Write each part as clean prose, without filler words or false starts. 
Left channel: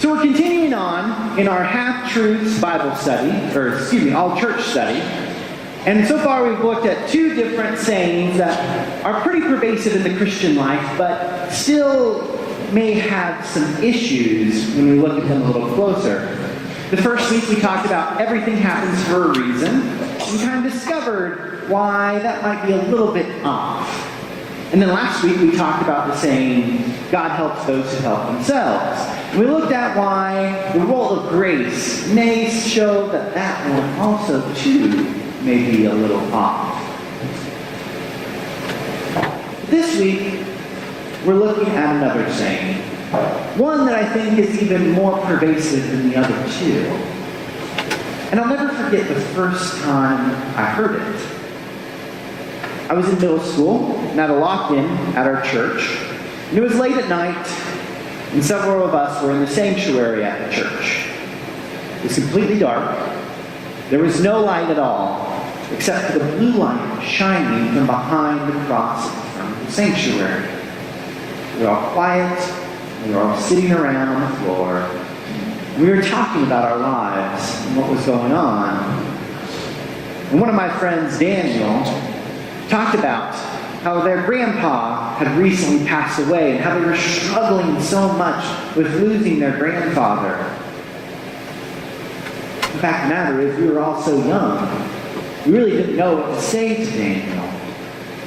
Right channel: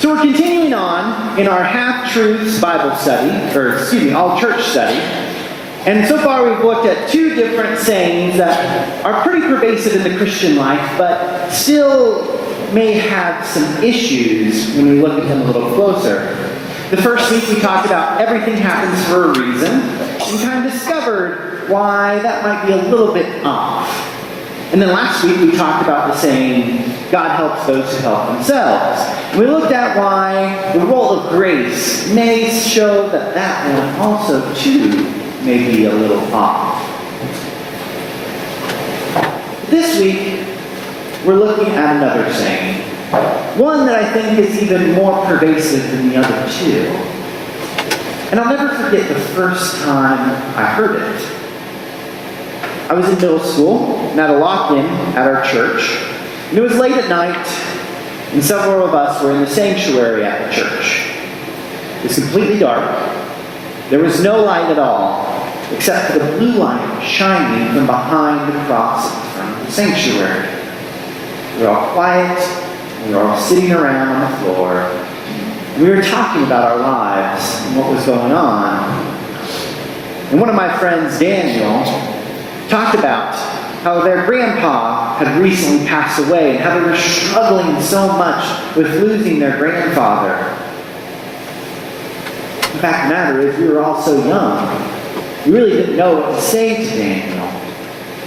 So we're continuing on in our Half-Truths Bible study, all church study. And so far we've looked at two different sayings that are pretty pervasive in the Christian life, but still may have some issues when we look at them a little closer. The first week we talked about everything happens for a reason, and kind of discovered why that might be a little bit off. And then last week we talked about the saying, God helps those who help themselves. We looked at why the role of grace may show that one also, too, may be a little off. This week, we're looking at another saying. One that I think is even more pervasive than the other two. And I'll never forget the first time I heard it. I was in middle school, and at a lock-in at our church. And it was late at night, and several of us were in the sanctuary at the church. It was completely dark. There was no light at all, except for the blue light shining from behind the cross in front of the sanctuary. We were all quiet, and we were all sitting around on the floor. We were talking about our lives and what was going on. And one of my friends, Daniel, talked about how their grandpa had recently passed away and how they were struggling so much with losing their grandfather. The fact of the matter is, we were all so young, we really didn't know what to say to Daniel.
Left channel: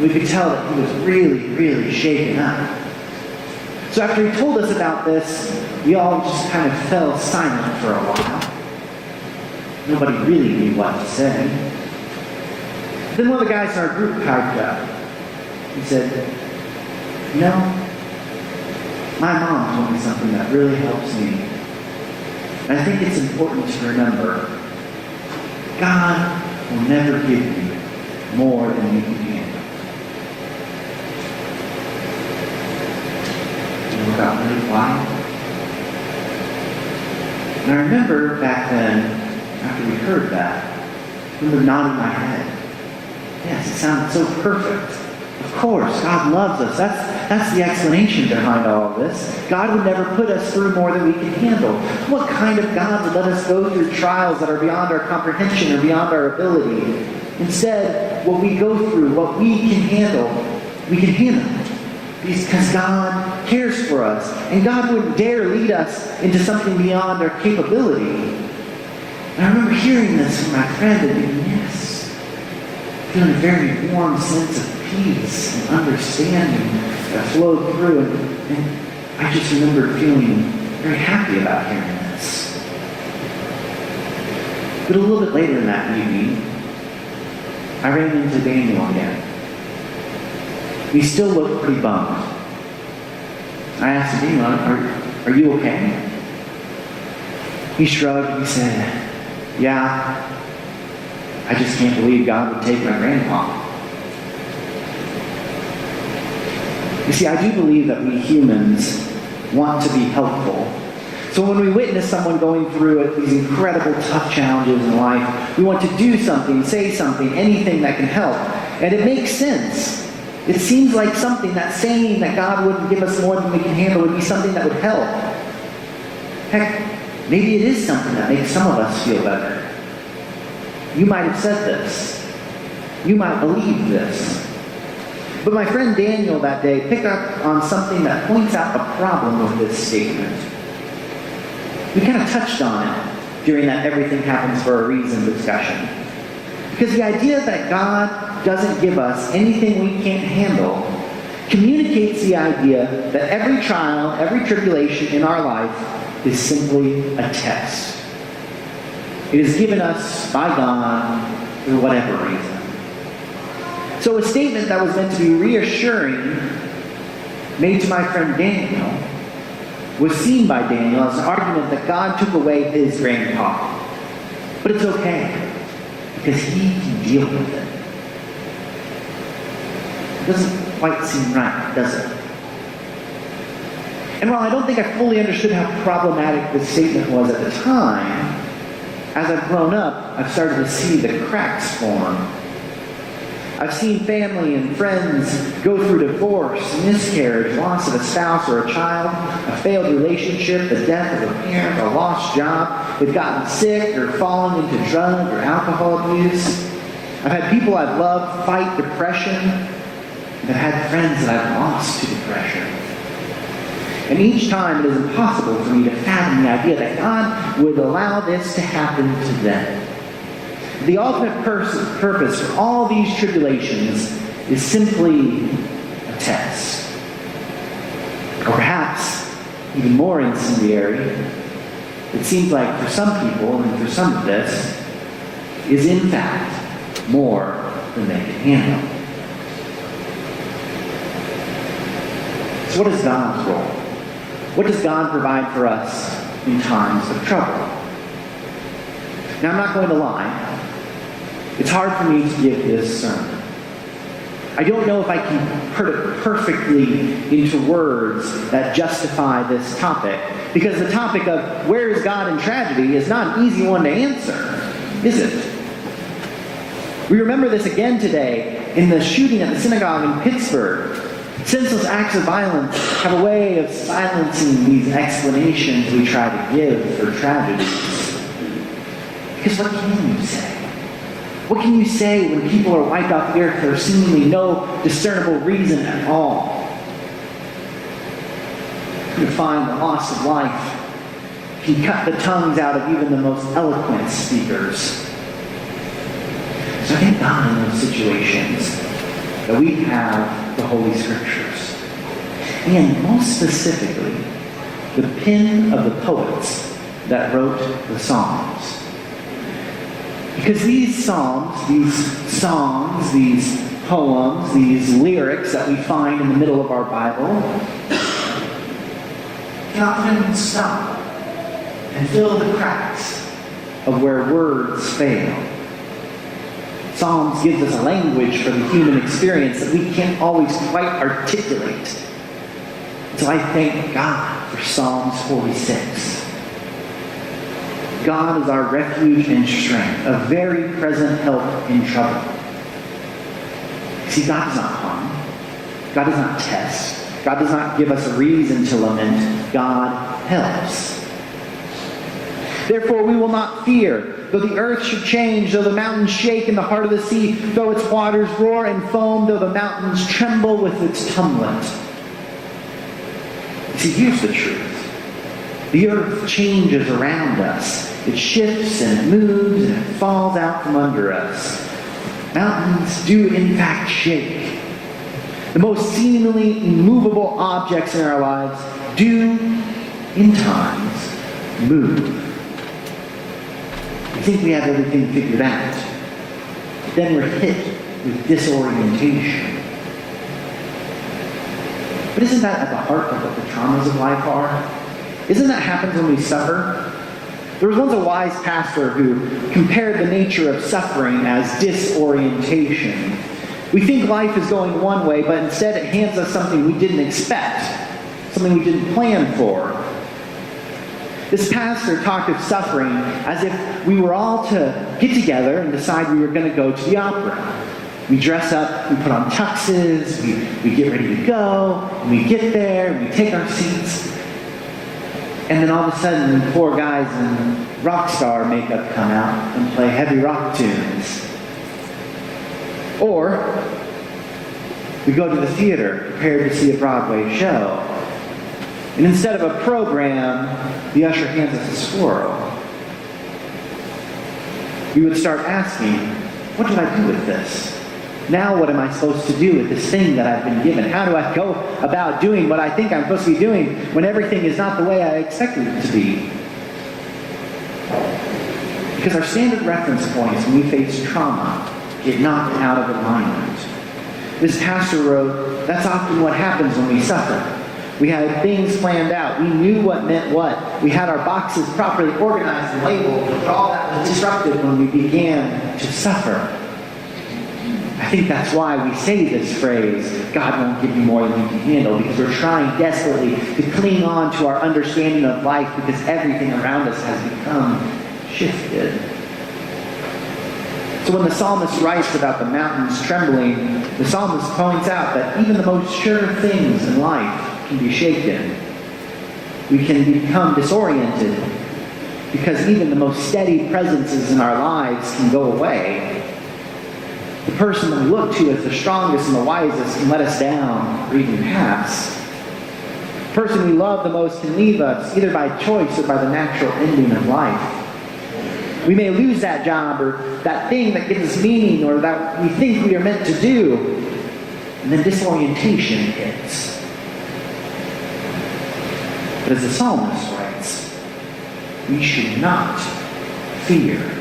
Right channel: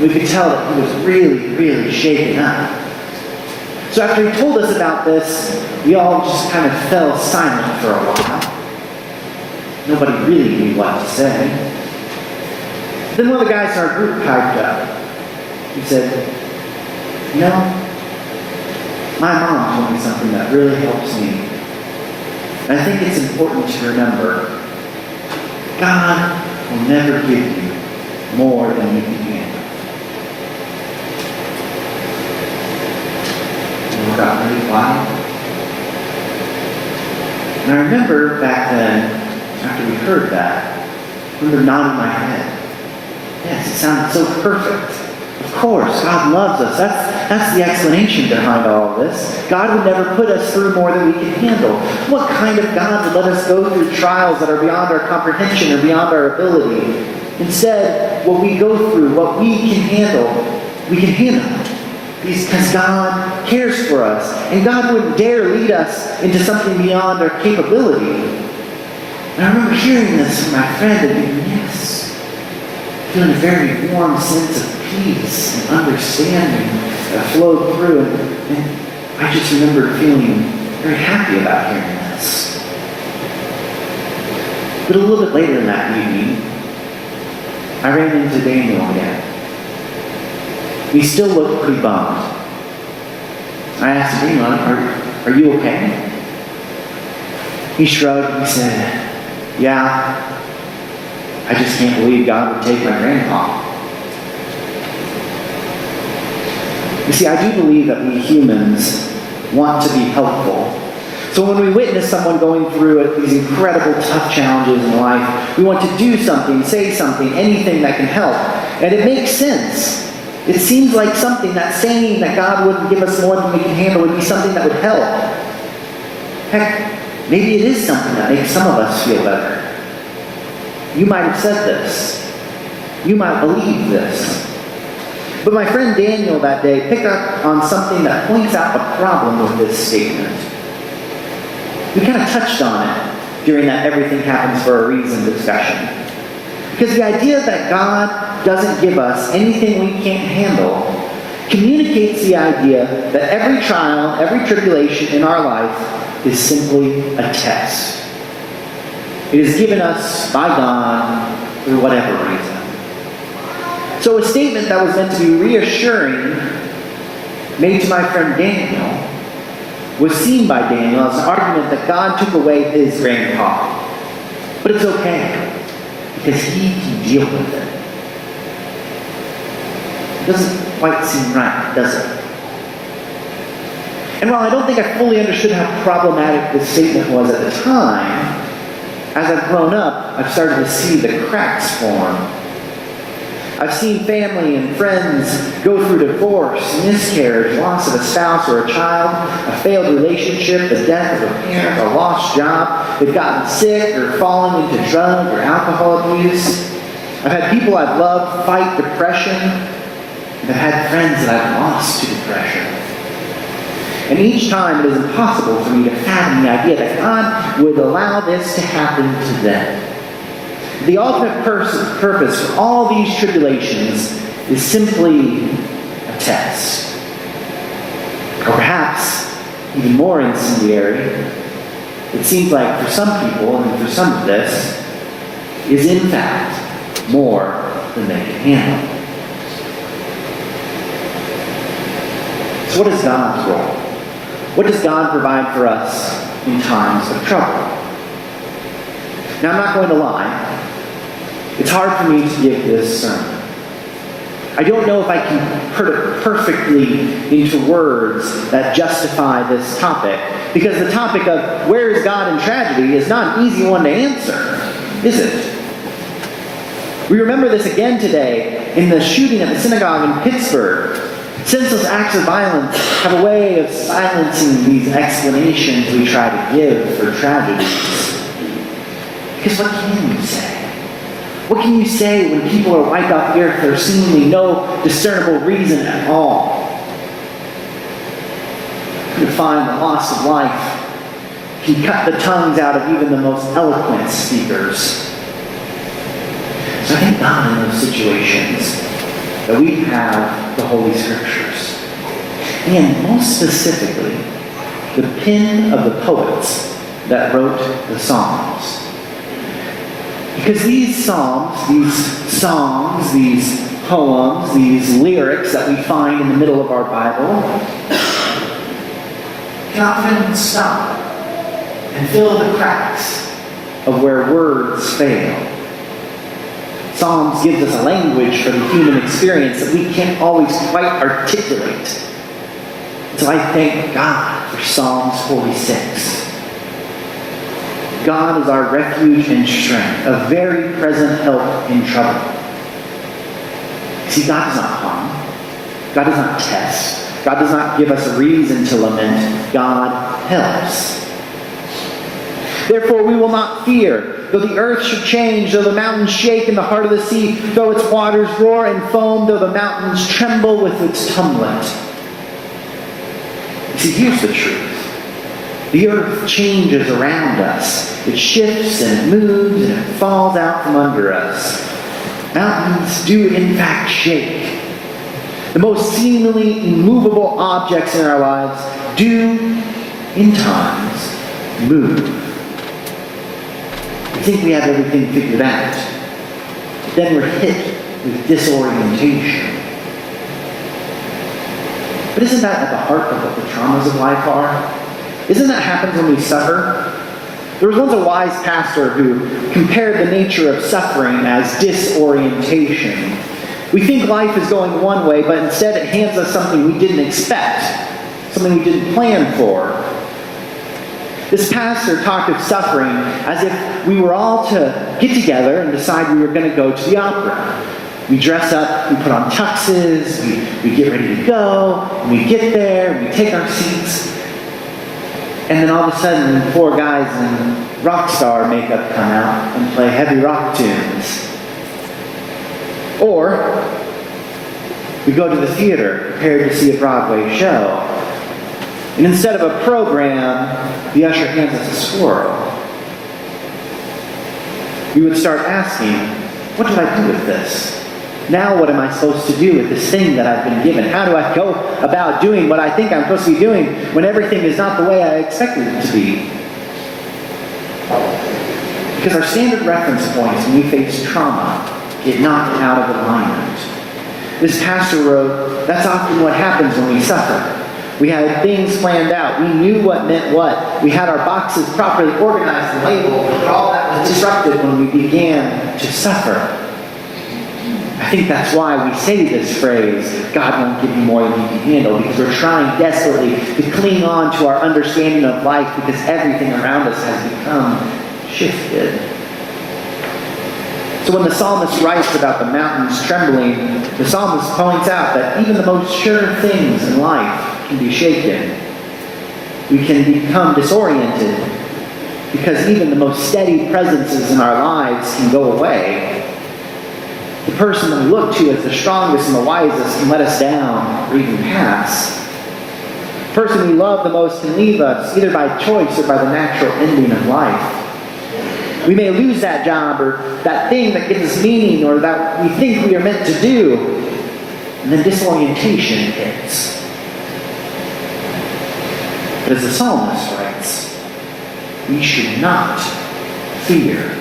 We could tell that he was really, really shaken up. So after he told us about this, we all just kind of fell silent for a while. Nobody really knew what to say. Then one of the guys in our group piped up. He said, "You know, my mom told me something that really helps me. And I think it's important to remember, God will never give you more than you can handle." And we got really quiet. And I remember back then, after we heard that, I remember nodding my head. Yes, it sounded so perfect. Of course, God loves us. That's the explanation behind all of this. God would never put us through more than we can handle. What kind of God would let us go through trials that are beyond our comprehension or beyond our ability? Instead, what we go through, what we can handle, we can handle it. Because God cares for us. And God wouldn't dare lead us into something beyond our capability. And I remember hearing this from my friend and thinking, yes. Feeling a very warm sense of peace and understanding that flowed through. And I just remember feeling very happy about hearing this. But a little bit later in that evening, I ran into Daniel again. He still looked pretty bummed. I asked him, are you okay? He shrugged. He said, "Yeah. I just can't believe God would take my grandpa." You see, I do believe that we humans want to be helpful. So when we witness someone going through these incredible, tough challenges in life, we want to do something, say something, anything that can help. And it makes sense. It seems like something, that saying that God wouldn't give us more than we can handle would be something that would help. Heck, maybe it is something that makes some of us feel better. You might have said this. You might believe this. But my friend Daniel that day picked up on something that points out a problem with this statement. We kind of touched on it during that everything happens for a reason discussion. Because the idea that God doesn't give us anything we can't handle communicates the idea that every trial, every tribulation in our life is simply a test. It is given us by God for whatever reason. So a statement that was meant to be reassuring, made to my friend Daniel, was seen by Daniel as an argument that God took away his grandpa. But it's okay, because he can deal with it. It doesn't quite seem right, does it? And while I don't think I fully understood how problematic this statement was at the time, as I've grown up, I've started to see the cracks form. I've seen family and friends go through divorce, miscarriage, loss of a spouse or a child, a failed relationship, the death of a parent, a lost job. They've gotten sick or fallen into drug or alcohol abuse. I've had people I've loved fight depression. And I've had friends that I've lost to depression. And each time it is impossible for me to fathom the idea that God would allow this to happen to them. The ultimate purpose for all these tribulations is simply a test. Or perhaps, even more incendiary, it seems like for some people, and for some of this, is in fact more than they can handle. So what is God's role? What does God provide for us in times of trouble? Now, I'm not going to lie. It's hard for me to give this sermon. I don't know if I can put it perfectly into words that justify this topic, because the topic of where is God in tragedy is not an easy one to answer, is it? We remember this again today in the shooting at the synagogue in Pittsburgh. Senseless acts of violence have a way of silencing these explanations we try to give for tragedies. Because what can you say? What can you say when people are wiped off the earth for seemingly no discernible reason at all? You find the loss of life can cut the tongues out of even the most eloquent speakers. So I thank God in those situations that we have the Holy Scriptures. And most specifically, the pen of the poets that wrote the Psalms. Because these psalms, these songs, these poems, these lyrics that we find in the middle of our Bible can often stop and fill the cracks of where words fail. Psalms gives us a language for the human experience that we can't always quite articulate. So I thank God for Psalms 46. God is our refuge and strength, a very present help in trouble. See, God does not harm. God does not test. God does not give us a reason to lament. God helps. Therefore we will not fear, though the earth should change, though the mountains shake in the heart of the sea, though its waters roar and foam, though the mountains tremble with its tumult. See, here's the truth. The earth changes around us. It shifts and it moves and it falls out from under us. Mountains do in fact shake. The most seemingly immovable objects in our lives do, in times, move. We think we have everything figured out. But then we're hit with disorientation. But isn't that at the heart of what the traumas of life are? Isn't that happens when we suffer? There was once a wise pastor who compared the nature of suffering as disorientation. We think life is going one way, but instead it hands us something we didn't expect, something we didn't plan for. This pastor talked of suffering as if we were all to get together and decide we were going to go to the opera. We dress up, we put on tuxes, we get ready to go, and we get there, and we take our seats. And then all of a sudden, 4 guys in rock star makeup come out and play heavy rock tunes. Or, we go to the theater, prepared to see a Broadway show. And instead of a program, the usher hands us a swirl. We would start asking, what do I do with this? Now what am I supposed to do with this thing that I've been given? How do I go about doing what I think I'm supposed to be doing when everything is not the way I expected it to be? Because our standard reference points when we face trauma get knocked out of alignment. This pastor wrote, that's often what happens when we suffer. We had things planned out. We knew what meant what. We had our boxes properly organized and labeled, but all that was disrupted when we began to suffer. I think that's why we say this phrase, God won't give you more than you can handle, because we're trying desperately to cling on to our understanding of life because everything around us has become shifted. So So when the psalmist writes about the mountains trembling, the psalmist points out that even the most sure things in life can be shaken. We can become disoriented because even the most steady presences in our lives can go away. The person that we look to as the strongest and the wisest can let us down or even pass. The person we love the most can leave us, either by choice or by the natural ending of life. We may lose that job or that thing that gives us meaning or that we think we are meant to do, and then disorientation hits. But as the psalmist writes, we should not fear.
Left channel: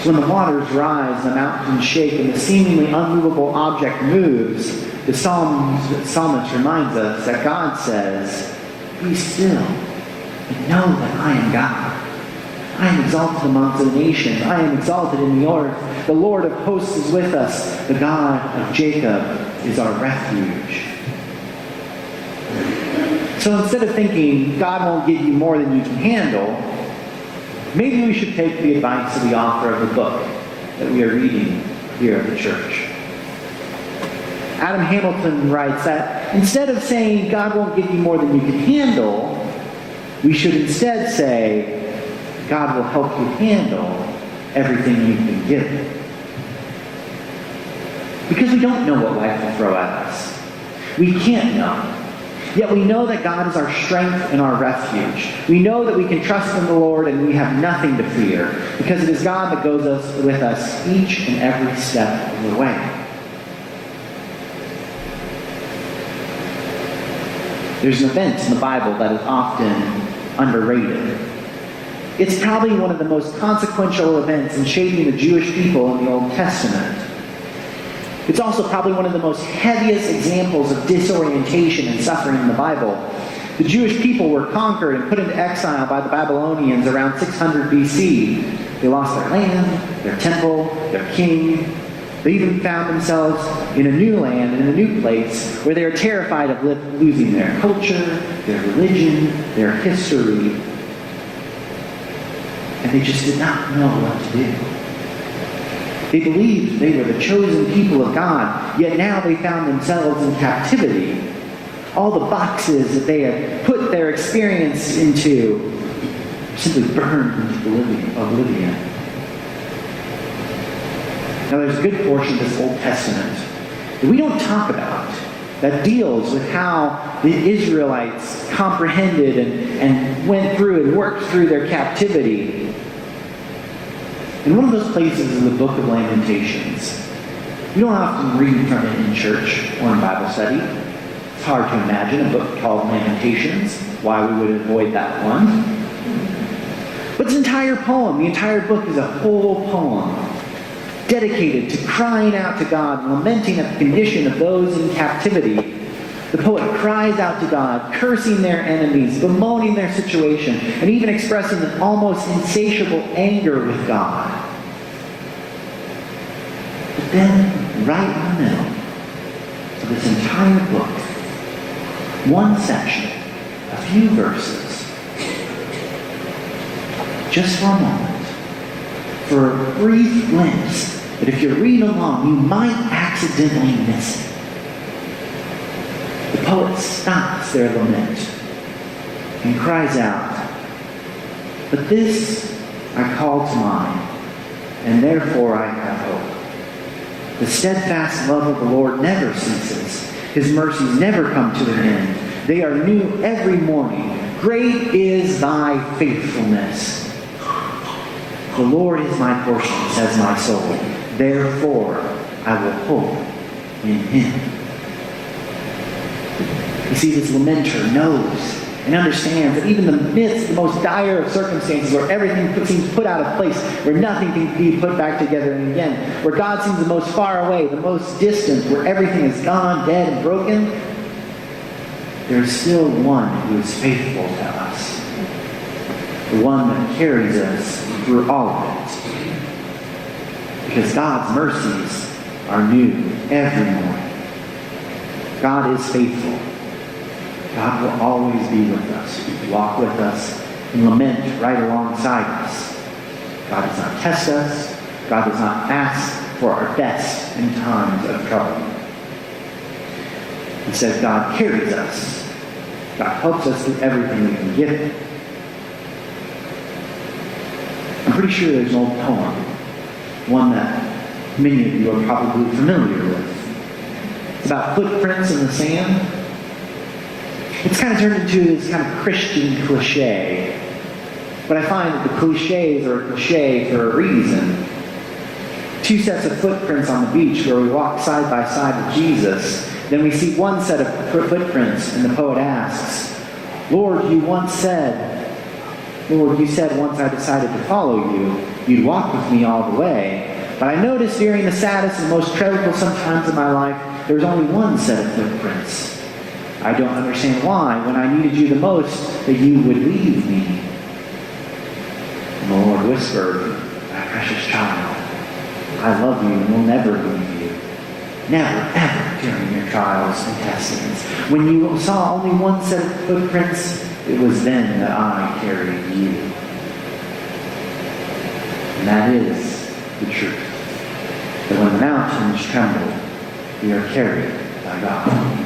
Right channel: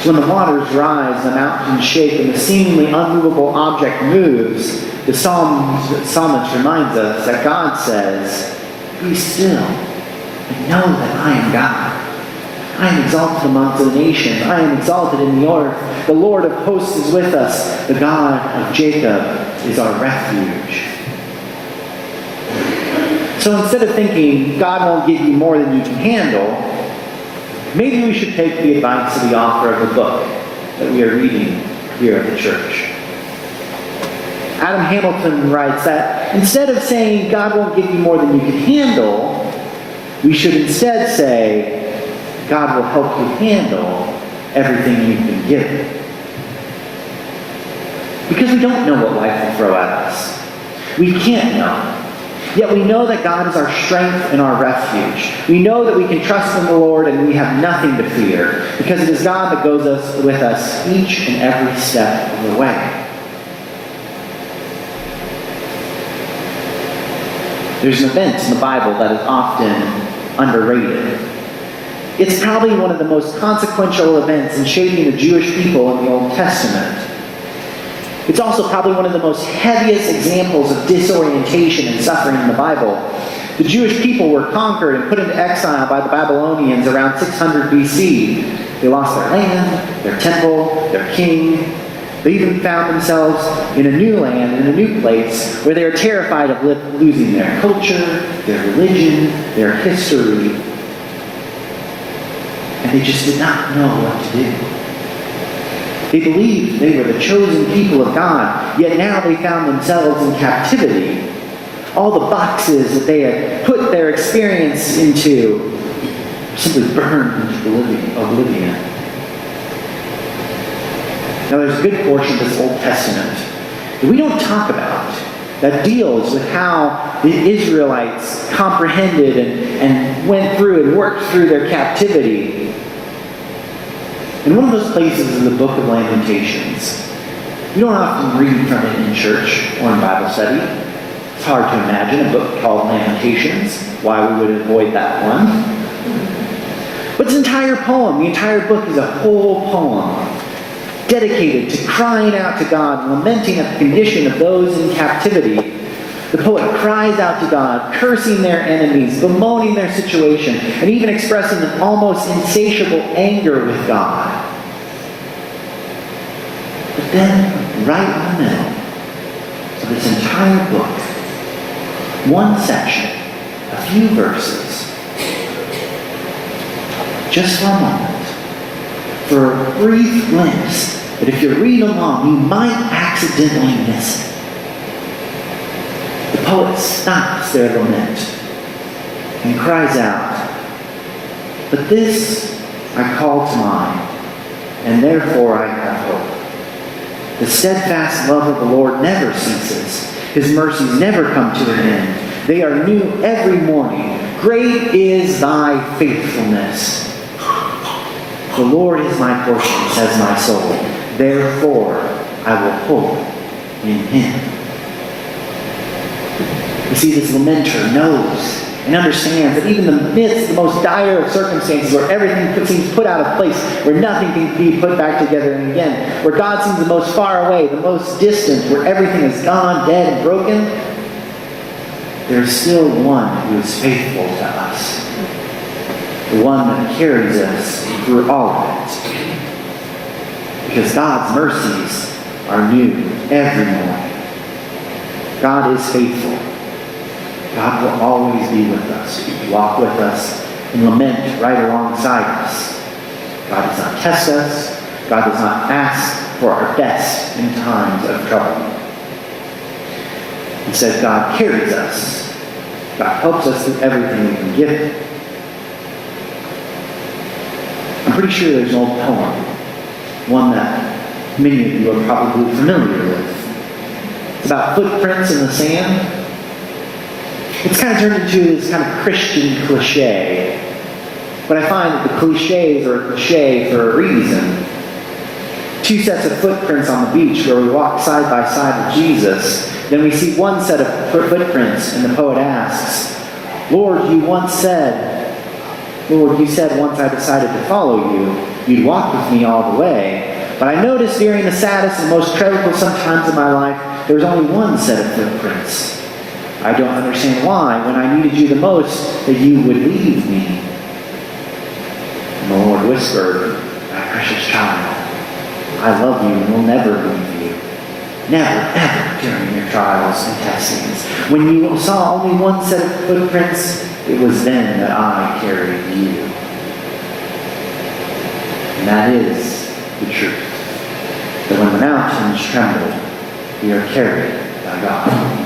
So when the waters rise, the mountains shake, and the seemingly unmovable object moves, the psalmist reminds us that God says, be still and know that I am God. I am exalted amongst the nations. I am exalted in the earth. The Lord of hosts is with us. The God of Jacob is our refuge. So instead of thinking God won't give you more than you can handle, maybe we should take the advice of the author of the book that we are reading here at the church. Adam Hamilton writes that instead of saying God won't give you more than you can handle, we should instead say God will help you handle everything you've been given. Because we don't know what life will throw at us. We can't know. Yet we know that God is our strength and our refuge. We know that we can trust in the Lord and we have nothing to fear, because it is God that goes with us each and every step of the way. There's an event in the Bible that is often underrated. It's probably one of the most consequential events in shaping the Jewish people in the Old Testament. It's also probably one of the most heaviest examples of disorientation and suffering in the Bible. The Jewish people were conquered and put into exile by the Babylonians around 600 BC. They lost their land, their temple, their king. They even found themselves in a new land, in a new place, where they were terrified of losing their culture, their religion, their history. And they just did not know what to do. They believed they were the chosen people of God, yet now they found themselves in captivity. All the boxes that they had put their experience into simply burned into oblivion. Now there's a good portion of this Old Testament that we don't talk about that deals with how the Israelites comprehended and went through and worked through their captivity. And one of those places is the book of Lamentations. You don't often read from it in church or in Bible study. It's hard to imagine a book called Lamentations, why we would avoid that one. But this entire poem, the entire book is a whole poem dedicated to crying out to God, lamenting at the condition of those in captivity. The poet cries out to God, cursing their enemies, bemoaning their situation, and even expressing an almost insatiable anger with God. But then, right in the middle of this entire book, one section, a few verses, just for a moment, for a brief glimpse that if you read along, you might accidentally miss it. The poet stops their lament and cries out, "But this I call to mind, and therefore I have hope. The steadfast love of the Lord never ceases. His mercies never come to an end. They are new every morning. Great is thy faithfulness. The Lord is my portion, says my soul. Therefore I will hope in him." You see, this lamenter knows and understands that even in the midst of the most dire of circumstances, where everything seems put out of place, where nothing can be put back together again, where God seems the most far away, the most distant, where everything is gone, dead, and broken, there's still one who is faithful to us. The one that carries us through all of it. Because God's mercies are new every morning. God is faithful. God will always be with us, walk with us, and lament right alongside us. God does not test us. God does not ask for our best in times of trouble. Instead, God carries us. God helps us through everything we can give Him. I'm pretty sure there's an old poem, one that many of you are probably familiar with. It's about footprints in the sand. It's kind of turned into this kind of Christian cliche. But I find that the cliches are a cliche for a reason. Two sets of footprints on the beach where we walk side by side with Jesus. Then we see one set of footprints, and the poet asks, Lord, you said once I decided to follow you, you'd walk with me all the way. But I noticed during the saddest and most troublesome times of my life, there's only one set of footprints. I don't understand why, when I needed you the most, that you would leave me. And the Lord whispered, my precious child, I love you and will never leave you. Never, ever during your trials and testings. When you saw only one set of footprints, it was then that I carried you. And that is the truth. That when the mountains tremble, we are carried by God.